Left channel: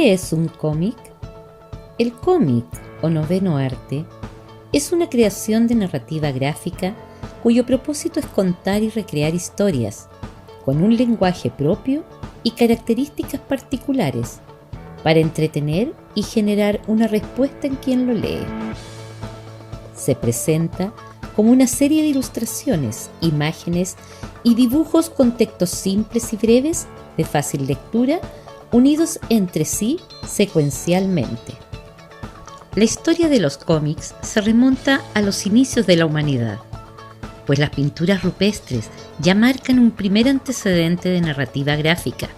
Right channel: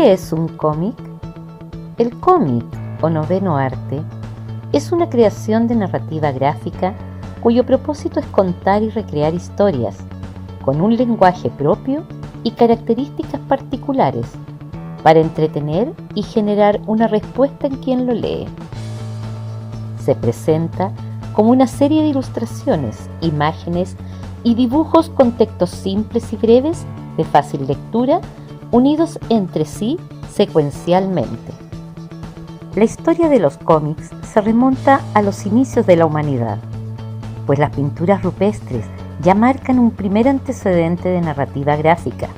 ¿Qué es un cómic? El cómic, o noveno arte, es una creación de narrativa gráfica cuyo propósito es contar y recrear historias, con un lenguaje propio y características particulares, para entretener y generar una respuesta en quien lo lee. Se presenta como una serie de ilustraciones, imágenes y dibujos con textos simples y breves, de fácil lectura, unidos entre sí secuencialmente. La historia de los cómics se remonta a los inicios de la humanidad, pues las pinturas rupestres ya marcan un primer antecedente de narrativa gráfica.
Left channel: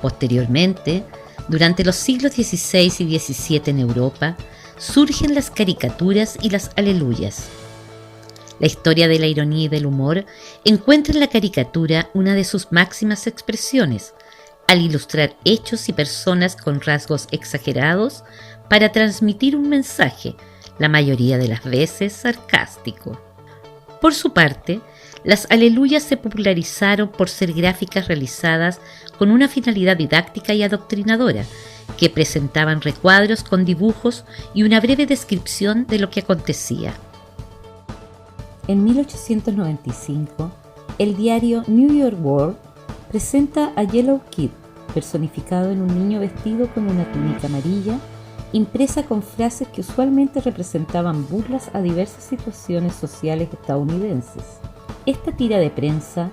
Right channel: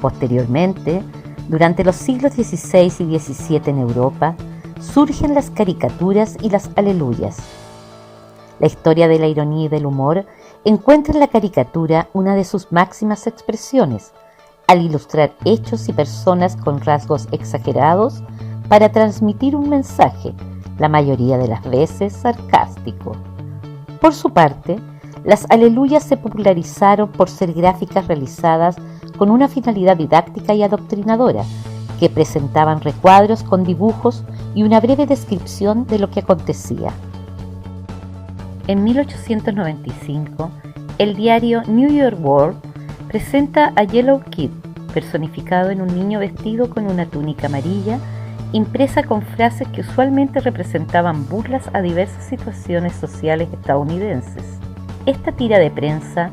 Posteriormente, durante los siglos XVI y XVII en Europa, surgen las caricaturas y las aleluyas. La historia de la ironía y del humor encuentra en la caricatura una de sus máximas expresiones, al ilustrar hechos y personas con rasgos exagerados para transmitir un mensaje, la mayoría de las veces sarcástico. Por su parte, las aleluyas se popularizaron por ser gráficas realizadas con una finalidad didáctica y adoctrinadora, que presentaban recuadros con dibujos y una breve descripción de lo que acontecía. En 1895, el diario New York World presenta a Yellow Kid, personificado en un niño vestido con una túnica amarilla, impresa con frases que usualmente representaban burlas a diversas situaciones sociales estadounidenses. Esta tira de prensa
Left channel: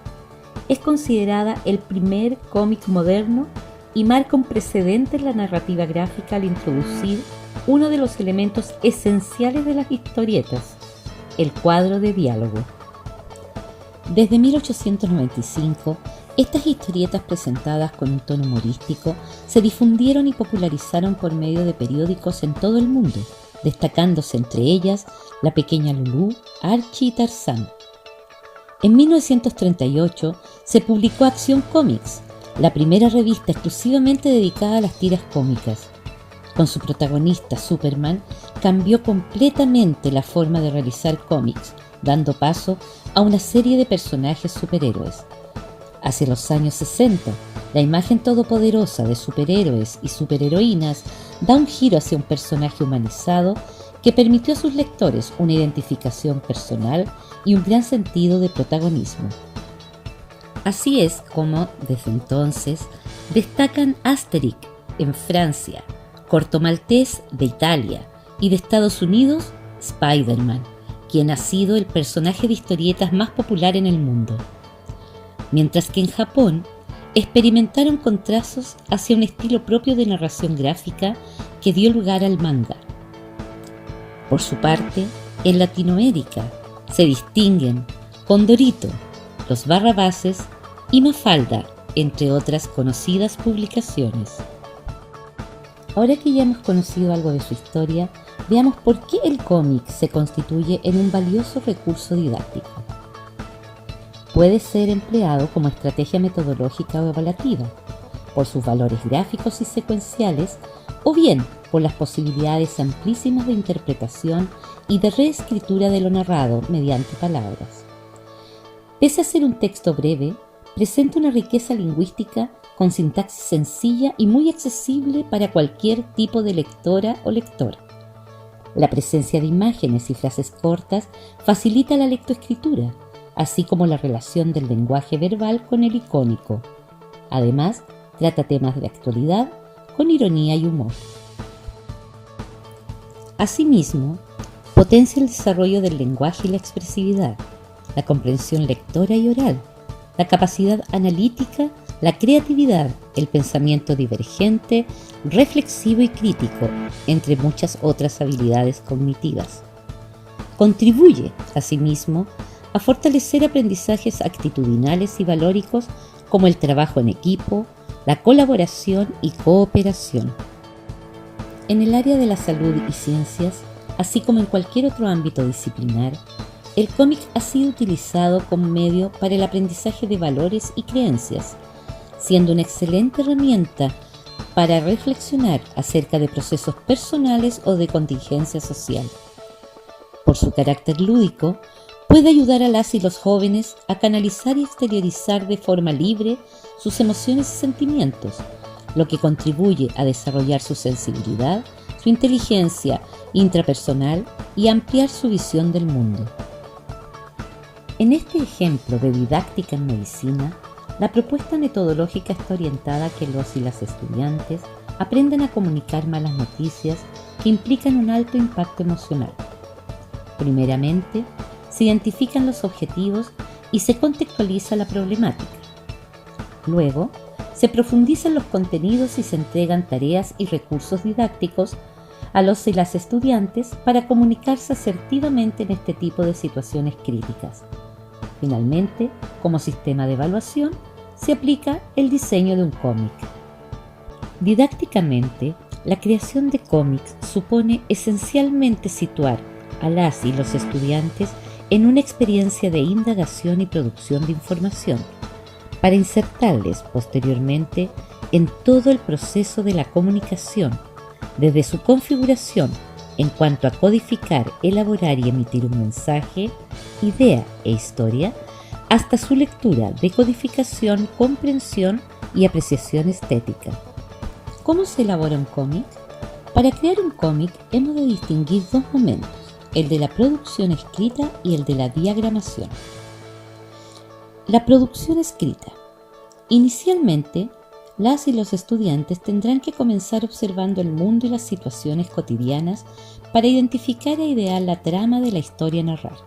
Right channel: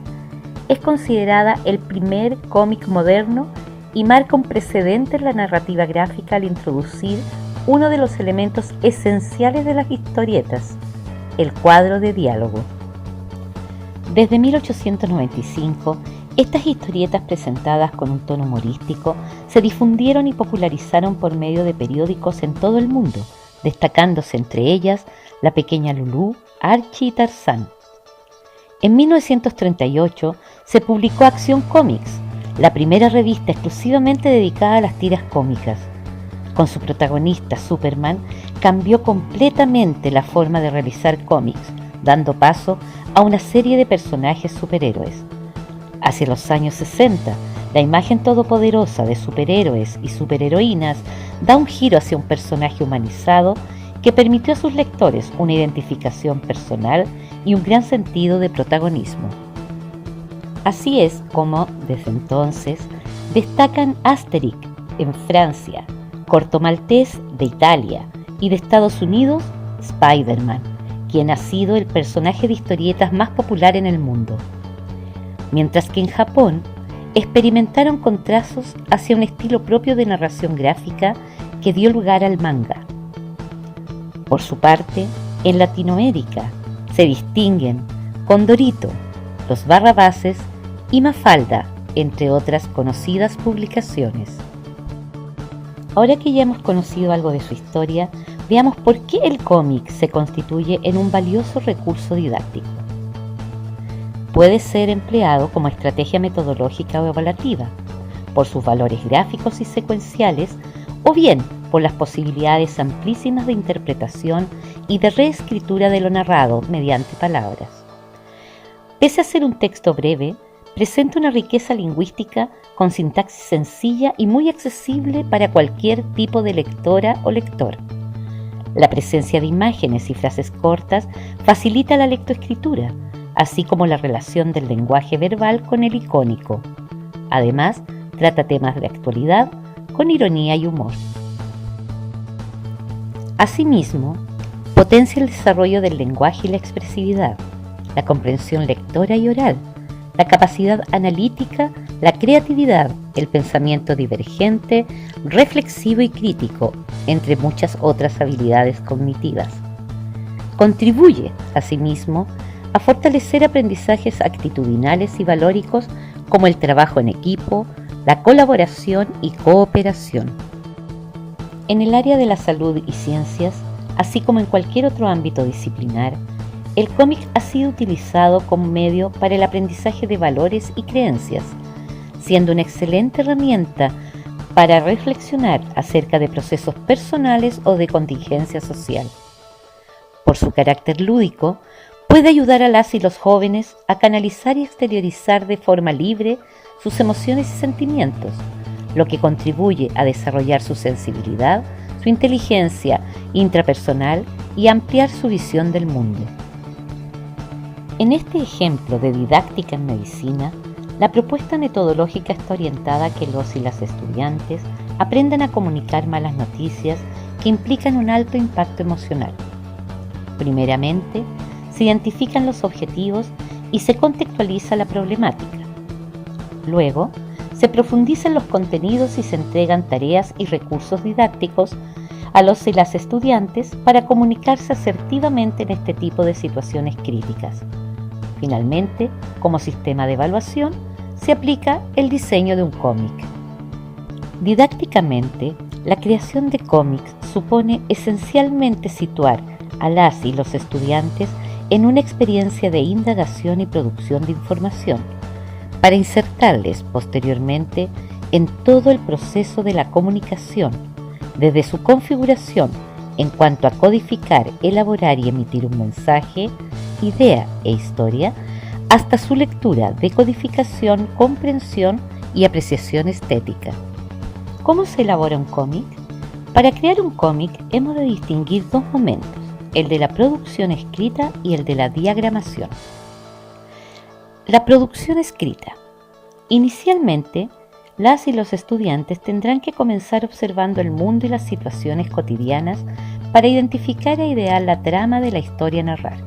es considerada el primer cómic moderno y marca un precedente en la narrativa gráfica al introducir uno de los elementos esenciales de las historietas, el cuadro de diálogo. Desde 1895, estas historietas presentadas con un tono humorístico se difundieron y popularizaron por medio de periódicos en todo el mundo, destacándose entre ellas La Pequeña Lulú, Archie y Tarzán. En 1938 se publicó Acción Comics, la primera revista exclusivamente dedicada a las tiras cómicas. Con su protagonista Superman, cambió completamente la forma de realizar cómics, dando paso a una serie de personajes superhéroes. Hacia los años 60, la imagen todopoderosa de superhéroes y superheroínas da un giro hacia un personaje humanizado que permitió a sus lectores una identificación personal y un gran sentido de protagonismo. Así es como, desde entonces, destacan Asterix en Francia, Corto Maltés de Italia y de Estados Unidos, Spider-Man, quien ha sido el personaje de historietas más popular en el mundo. Mientras que en Japón experimentaron con trazos hacia un estilo propio de narración gráfica que dio lugar al manga. Por su parte, en Latinoamérica se distinguen Condorito, Los Barrabases y Mafalda, entre otras conocidas publicaciones. Ahora que ya hemos conocido algo de su historia, veamos por qué el cómic se constituye en un valioso recurso didáctico. Puede ser empleado como estrategia metodológica o evaluativa, por sus valores gráficos y secuenciales, o bien por las posibilidades amplísimas de interpretación y de reescritura de lo narrado mediante palabras. Pese a ser un texto breve, presenta una riqueza lingüística con sintaxis sencilla y muy accesible para cualquier tipo de lectora o lector. La presencia de imágenes y frases cortas facilita la lectoescritura, así como la relación del lenguaje verbal con el icónico. Además, trata temas de actualidad con ironía y humor. Asimismo, potencia el desarrollo del lenguaje y la expresividad, la comprensión lectora y oral, la capacidad analítica, la creatividad, el pensamiento divergente, reflexivo y crítico, entre muchas otras habilidades cognitivas. Contribuye, asimismo, a fortalecer aprendizajes actitudinales y valóricos como el trabajo en equipo, la colaboración y cooperación. En el área de la salud y ciencias, así como en cualquier otro ámbito disciplinar, el cómic ha sido utilizado como medio para el aprendizaje de valores y creencias, siendo una excelente herramienta para reflexionar acerca de procesos personales o de contingencia social. Por su carácter lúdico, puede ayudar a las y los jóvenes a canalizar y exteriorizar de forma libre sus emociones y sentimientos, lo que contribuye a desarrollar su sensibilidad, su inteligencia intrapersonal y ampliar su visión del mundo. En este ejemplo de didáctica en medicina, la propuesta metodológica está orientada a que los y las estudiantes aprendan a comunicar malas noticias que implican un alto impacto emocional. Primeramente, se identifican los objetivos y se contextualiza la problemática. Luego, se profundizan los contenidos y se entregan tareas y recursos didácticos a los y las estudiantes para comunicarse asertivamente en este tipo de situaciones críticas. Finalmente, como sistema de evaluación, se aplica el diseño de un cómic. Didácticamente, la creación de cómics supone esencialmente situar a las y los estudiantes en una experiencia de indagación y producción de información, para insertarles posteriormente en todo el proceso de la comunicación, desde su configuración en cuanto a codificar, elaborar y emitir un mensaje, idea e historia, hasta su lectura, decodificación, comprensión y apreciación estética. ¿Cómo se elabora un cómic? Para crear un cómic hemos de distinguir dos momentos, el de la producción escrita y el de la diagramación. La producción escrita. Inicialmente, las y los estudiantes tendrán que comenzar observando el mundo y las situaciones cotidianas para identificar e idear la trama de la historia a narrar.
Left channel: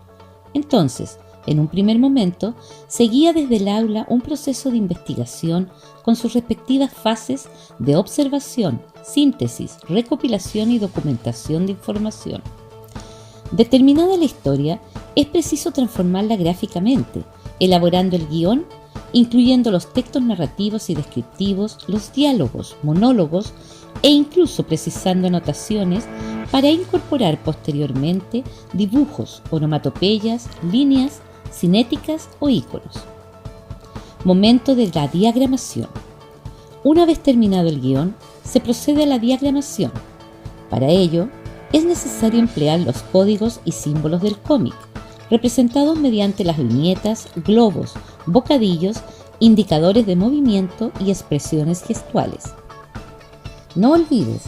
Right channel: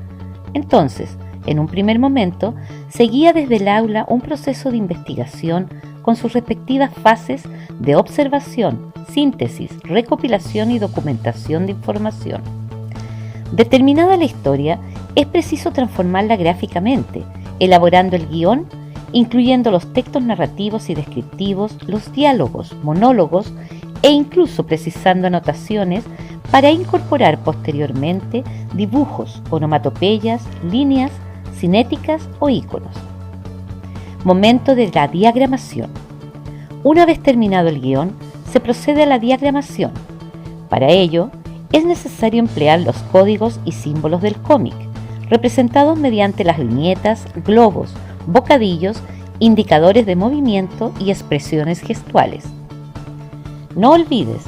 Entonces, en un primer momento, se guía desde el aula un proceso de investigación con sus respectivas fases de observación, síntesis, recopilación y documentación de información. Determinada la historia, es preciso transformarla gráficamente, elaborando el guión, incluyendo los textos narrativos y descriptivos, los diálogos, monólogos e incluso precisando anotaciones para incorporar posteriormente dibujos, onomatopeyas, líneas, cinéticas o íconos. Momento de la diagramación. Una vez terminado el guión, se procede a la diagramación. Para ello, es necesario emplear los códigos y símbolos del cómic, representados mediante las viñetas, globos, bocadillos, indicadores de movimiento y expresiones gestuales. No olvides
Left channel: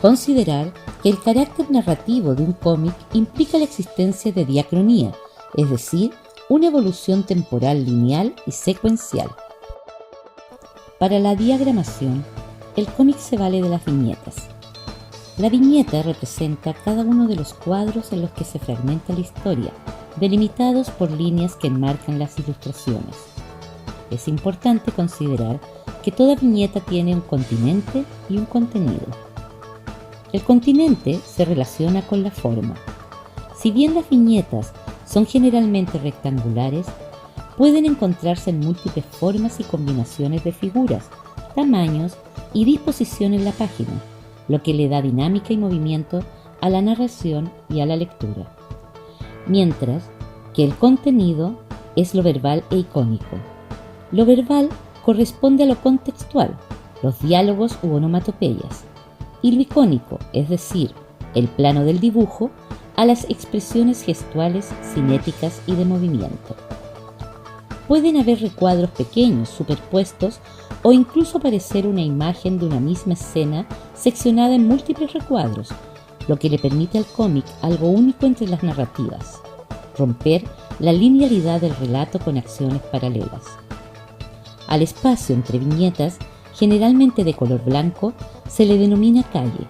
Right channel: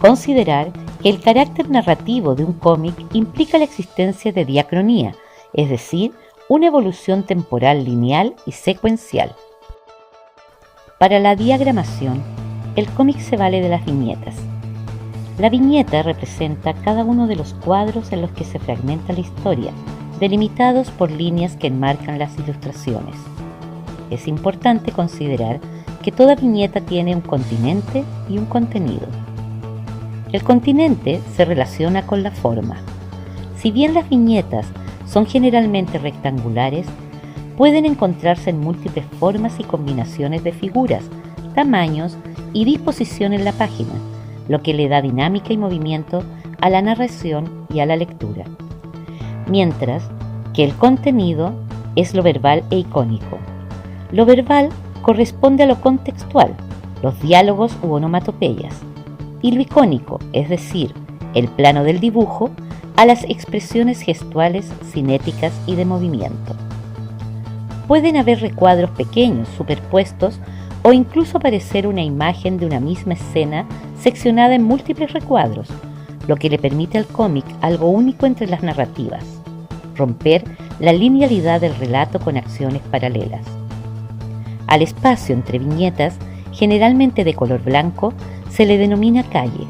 considerar que el carácter narrativo de un cómic implica la existencia de diacronía, es decir, una evolución temporal lineal y secuencial. Para la diagramación, el cómic se vale de las viñetas. La viñeta representa cada uno de los cuadros en los que se fragmenta la historia, delimitados por líneas que enmarcan las ilustraciones. Es importante considerar que toda viñeta tiene un continente y un contenido. El continente se relaciona con la forma. Si bien las viñetas son generalmente rectangulares, pueden encontrarse en múltiples formas y combinaciones de figuras, tamaños y disposición en la página, lo que le da dinámica y movimiento a la narración y a la lectura. Mientras que el contenido es lo verbal e icónico. Lo verbal corresponde a lo contextual, los diálogos u onomatopeyas, y lo icónico, es decir, el plano del dibujo, a las expresiones gestuales, cinéticas y de movimiento. Pueden haber recuadros pequeños superpuestos o incluso aparecer una imagen de una misma escena seccionada en múltiples recuadros, lo que le permite al cómic algo único entre las narrativas: romper la linealidad del relato con acciones paralelas. Al espacio entre viñetas, generalmente de color blanco, se le denomina calle.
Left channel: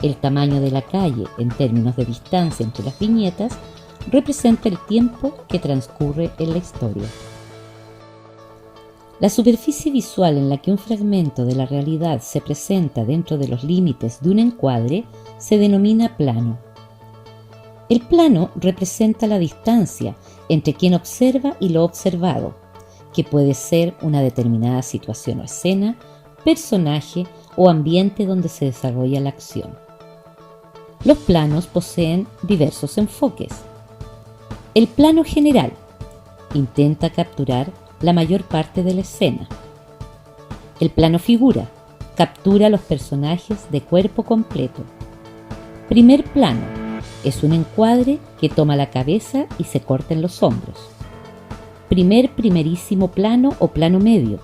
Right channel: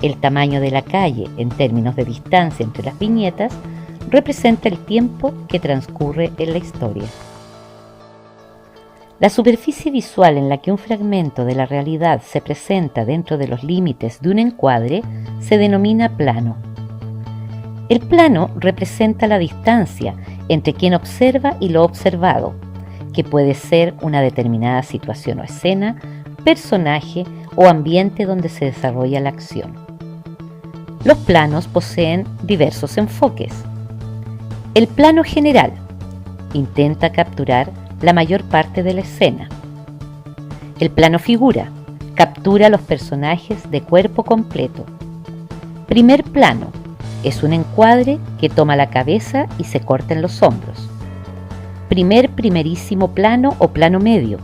El tamaño de la calle, en términos de distancia entre las viñetas, representa el tiempo que transcurre en la historia. La superficie visual en la que un fragmento de la realidad se presenta dentro de los límites de un encuadre se denomina plano. El plano representa la distancia entre quien observa y lo observado, que puede ser una determinada situación o escena, personaje o ambiente donde se desarrolla la acción. Los planos poseen diversos enfoques. El plano general intenta capturar la mayor parte de la escena. El plano figura captura a los personajes de cuerpo completo. Primer plano es un encuadre que toma la cabeza y se corta en los hombros. Primerísimo plano o plano medio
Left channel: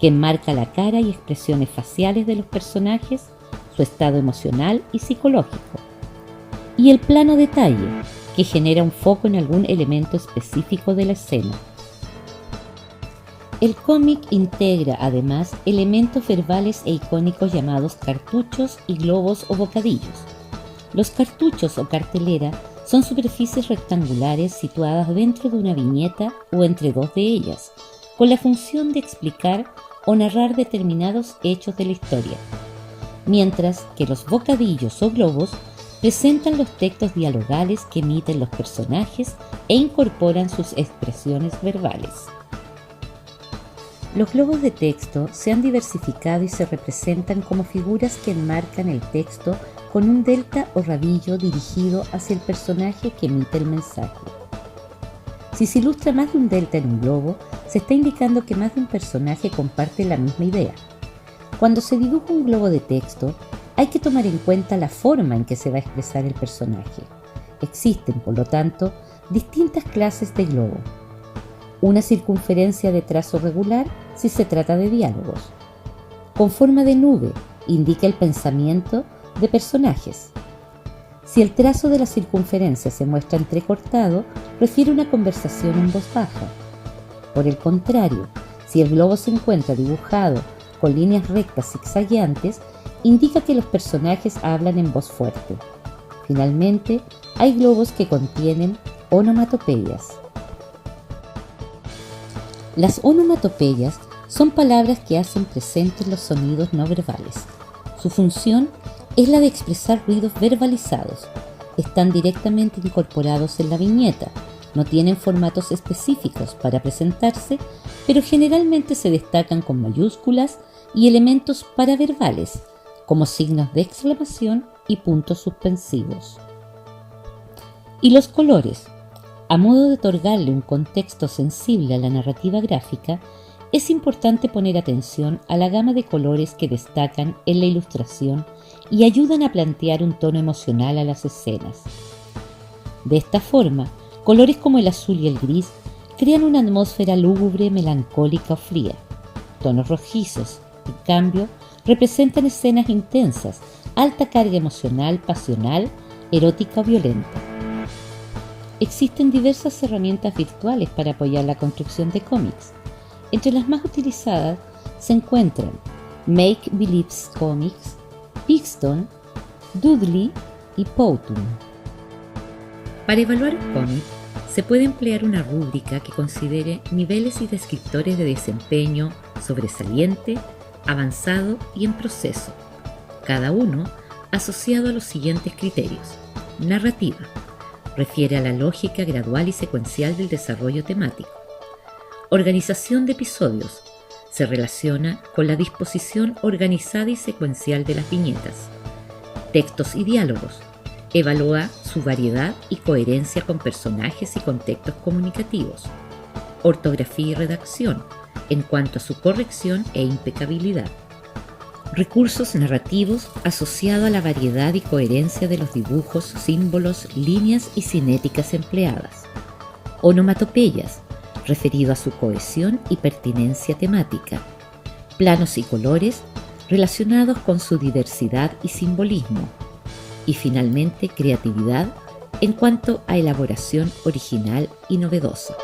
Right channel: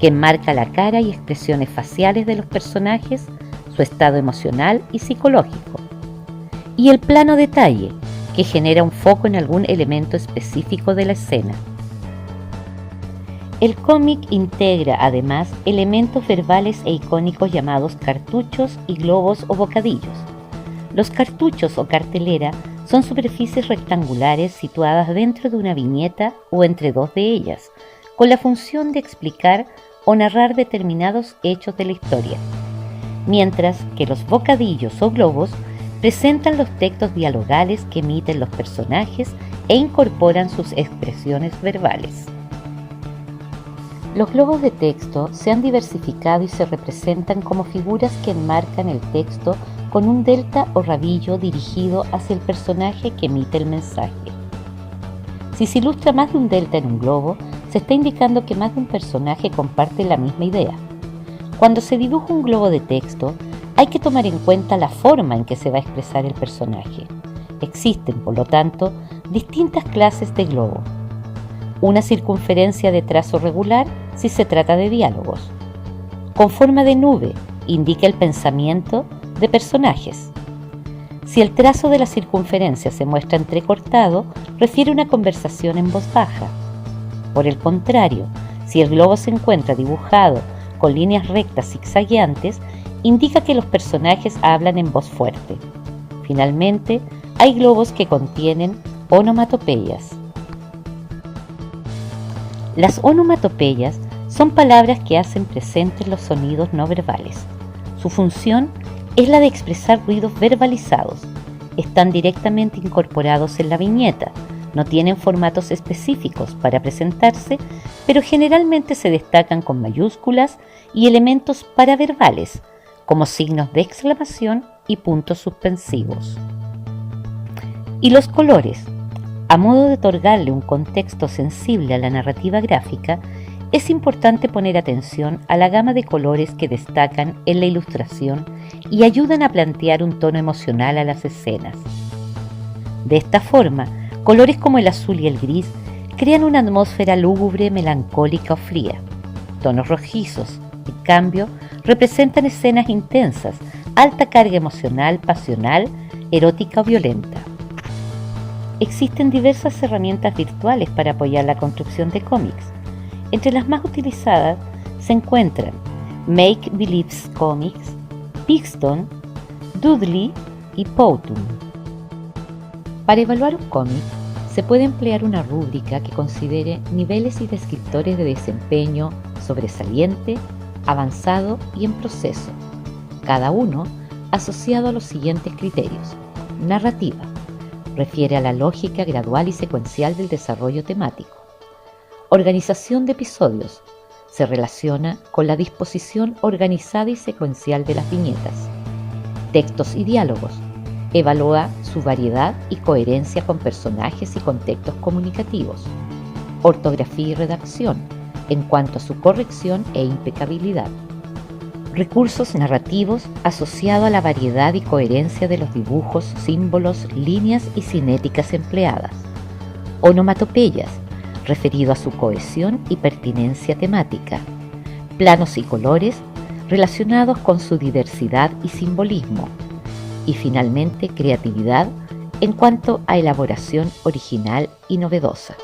que enmarca la cara y expresiones faciales de los personajes, su estado emocional y psicológico. Y el plano detalle, que genera un foco en algún elemento específico de la escena. El cómic integra además elementos verbales e icónicos llamados cartuchos y globos o bocadillos. Los cartuchos o cartelera son superficies rectangulares situadas dentro de una viñeta o entre dos de ellas, con la función de explicar o narrar determinados hechos de la historia, mientras que los bocadillos o globos presentan los textos dialogales que emiten los personajes e incorporan sus expresiones verbales. Los globos de texto se han diversificado y se representan como figuras que enmarcan el texto con un delta o rabillo dirigido hacia el personaje que emite el mensaje. Si se ilustra más de un delta en un globo, se está indicando que más de un personaje comparte la misma idea. Cuando se dibuja un globo de texto, hay que tomar en cuenta la forma en que se va a expresar el personaje. Existen, por lo tanto, distintas clases de globo. Una circunferencia de trazo regular si se trata de diálogos. Con forma de nube indica el pensamiento de personajes. Si el trazo de la circunferencia se muestra entrecortado, refiere a una conversación en voz baja. Por el contrario, si el globo se encuentra dibujado con líneas rectas zigzagueantes, indica que los personajes hablan en voz fuerte. Finalmente, hay globos que contienen onomatopeyas. Las onomatopeyas son palabras que hacen presentes los sonidos no verbales. Su función es la de expresar ruidos verbalizados. Están directamente incorporados en la viñeta, no tienen formatos específicos para presentarse, pero generalmente se destacan con mayúsculas y elementos paraverbales, como signos de exclamación y puntos suspensivos. Y los colores. A modo de otorgarle un contexto sensible a la narrativa gráfica, es importante poner atención a la gama de colores que destacan en la ilustración y ayudan a plantear un tono emocional a las escenas. De esta forma, colores como el azul y el gris crean una atmósfera lúgubre, melancólica o fría. Tonos rojizos, en cambio, representan escenas intensas, alta carga emocional, pasional, erótica o violenta. Existen diversas herramientas virtuales para apoyar la construcción de cómics. Entre las más utilizadas se encuentran Make Believe Comics, Pixton, Doodly y Powtoon. Para evaluar un cómic, se puede emplear una rúbrica que considere niveles y descriptores de desempeño sobresaliente, avanzado y en proceso, cada uno asociado a los siguientes criterios. Narrativa. Refiere a la lógica gradual y secuencial del desarrollo temático. Organización de episodios. Se relaciona con la disposición organizada y secuencial de las viñetas. Textos y diálogos. Evalúa su variedad y coherencia con personajes y contextos comunicativos. Ortografía y redacción, en cuanto a su corrección e impecabilidad. Recursos narrativos asociados a la variedad y coherencia de los dibujos, símbolos, líneas y cinéticas empleadas. Onomatopeyas, referido a su cohesión y pertinencia temática. Planos y colores, relacionados con su diversidad y simbolismo. Y finalmente, creatividad en cuanto a elaboración original y novedosa.